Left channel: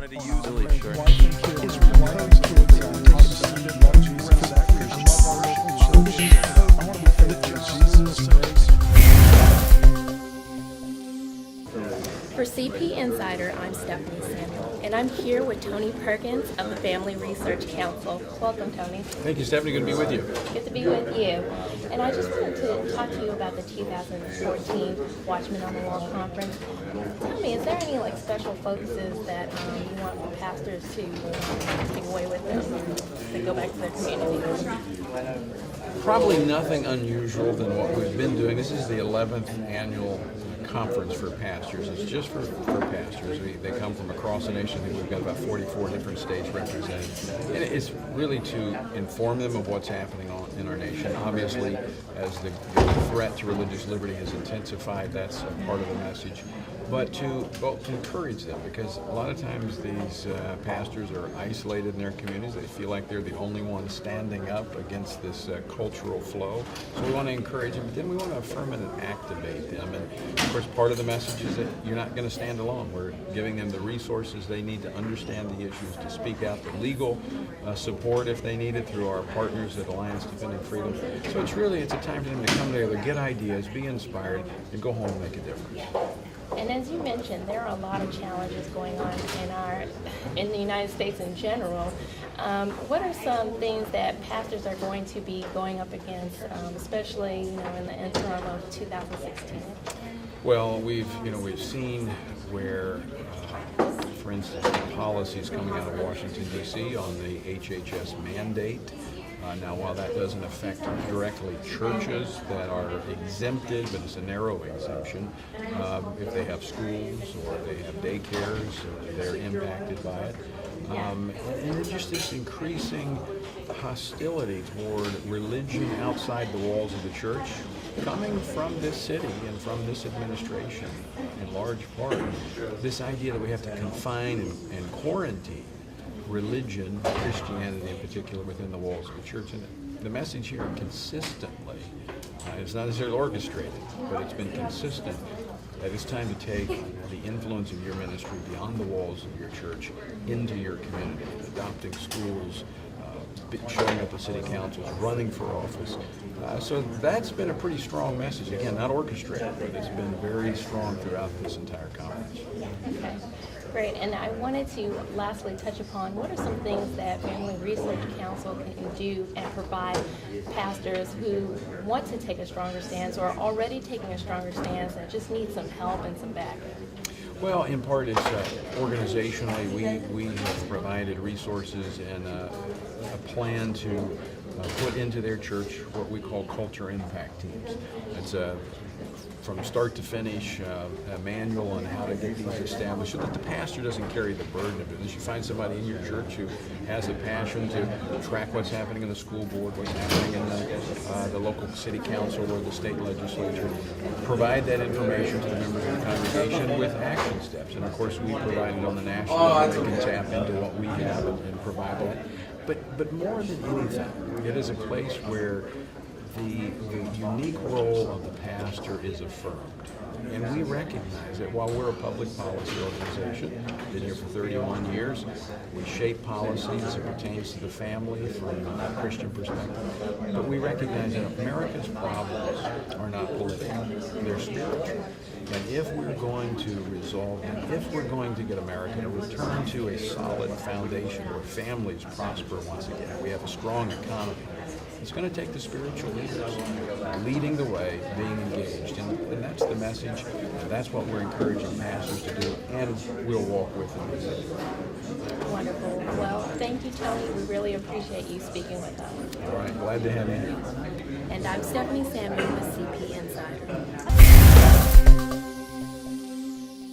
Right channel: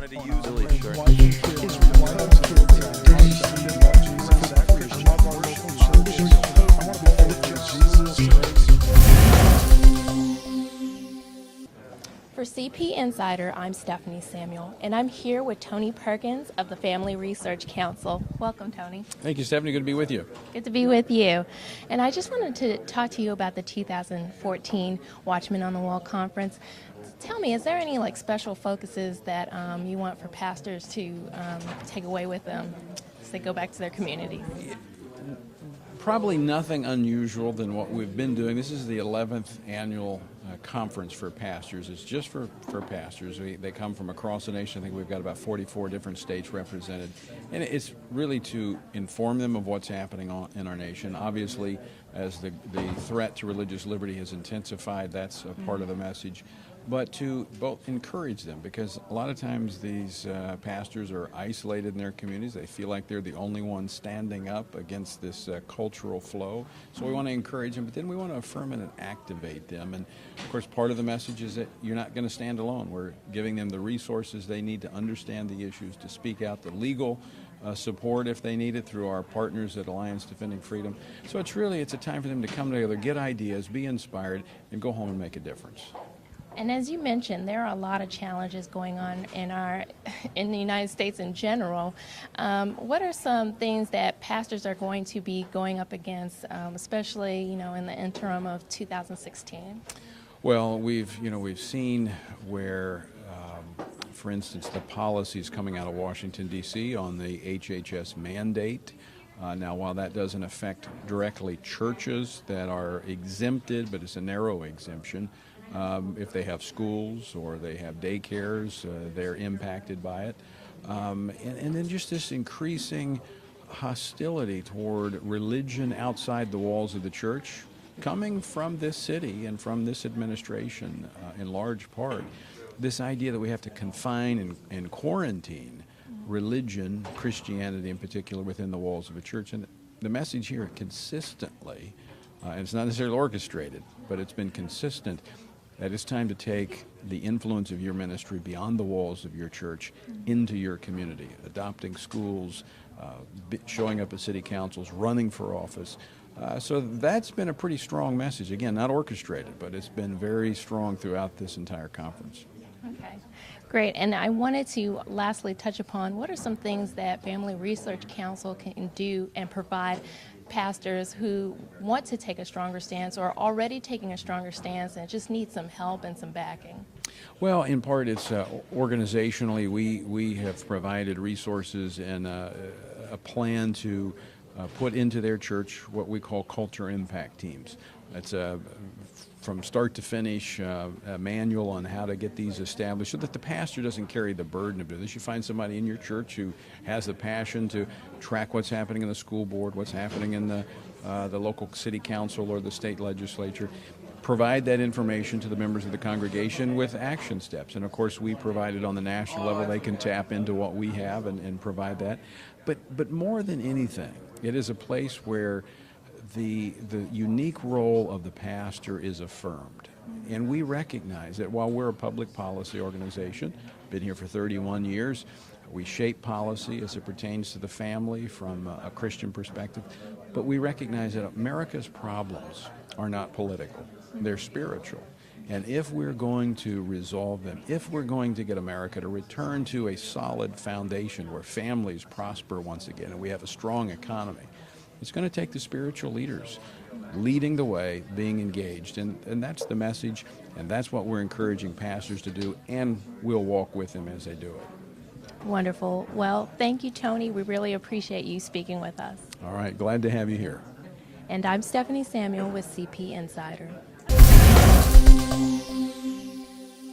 Wanted to use really sure. For CP Insider, I'm Stephanie Samuel, and I'm here with Tony Perkins of the Family Research Council. Welcome, Tony. Thank you, Stephanie. Good to be with you. Good to be with you. And I just wanted to talk to you about the 2014 Watchmen on the Wall conference. Tell me, is there any special focuses that you want for pastors to take away with them as they go back to their community? Probably nothing unusual than what we've been doing. This is the 11th annual conference for pastors. It's just for pastors. They come from across the nation. I think we've got about 44 different states represented. And it's really to inform them of what's happening in our nation. Obviously, as the threat to religious liberty has intensified, that's a part of the message. But to encourage them, because a lot of times these pastors are isolated in their communities. They feel like they're the only ones standing up against this cultural flow. So we want to encourage them, but then we want to affirm and activate them. And of course, part of the message is that you're not going to stand alone. We're giving them the resources they need to understand the issues, to speak out, the legal support if they need it through our partners at Alliance Defending Freedom. So it's a time for them to come together, get ideas, be inspired, and go home and make a difference. And as you mentioned, there are a lot of challenges going on in the United States in general. What are some things that pastors are going to be going up against, especially in the interim of 2016? Well, we've seen where, for instance, the policies coming out of Washington D.C. on the HHS mandate. Now, while that doesn't affect directly churches that are exempted, but it's a narrow exemption, if they have schools or they have daycares, they're impacted by it. And then just this increasing hostility toward religion outside the walls of the church, coming from this city and from this administration in large part. This idea that we have to confine and quarantine religion, Christianity in particular, within the walls of the church. And the message here consistently, it's not necessarily orchestrated, but it's been consistent, that it's time to take the influence of your ministry beyond the walls of your church into your community, adopting schools, showing up at city councils, running for office. So that's been a pretty strong message. Again, not orchestrated, but it's been very strong throughout this entire conference. Okay. Great, and I wanted to lastly touch upon what are some things that Family Research Council can do and provide pastors who want to take a stronger stance or are already taking a stronger stance and just need some help and some backing. Well, in part, it's organizationally, we have provided resources and a plan to put into their church what we call culture impact teams. It's from start to finish, a manual on how to get these established so that the pastor doesn't carry the burden of it. You should find somebody in your church who has a passion to track what's happening in the school board, what's happening in the local city council or the state legislature. Provide that information to the members of the congregation with action steps. And of course, we provide it on the national level. They can tap into what we have and provide that. But more than anything, it is a place where the unique role of the pastor is affirmed. And we recognize that while we're a public policy organization, been here for 31 years, we shape policy as it pertains to the family from a Christian perspective. But we recognize that America's problems are not political, they're spiritual. And if we're going to resolve them, if we're going to get America to return to a solid foundation where families prosper once again, we have a strong economy, it's going to take the spiritual leaders leading the way, being engaged. And that's the message, and that's what we're encouraging pastors to do, and we'll walk with them as they do it. Wonderful. Well, thank you, Tony. We really appreciate you speaking with us. All right, glad to have you here. And I'm Stephanie Samuel with CP Insider.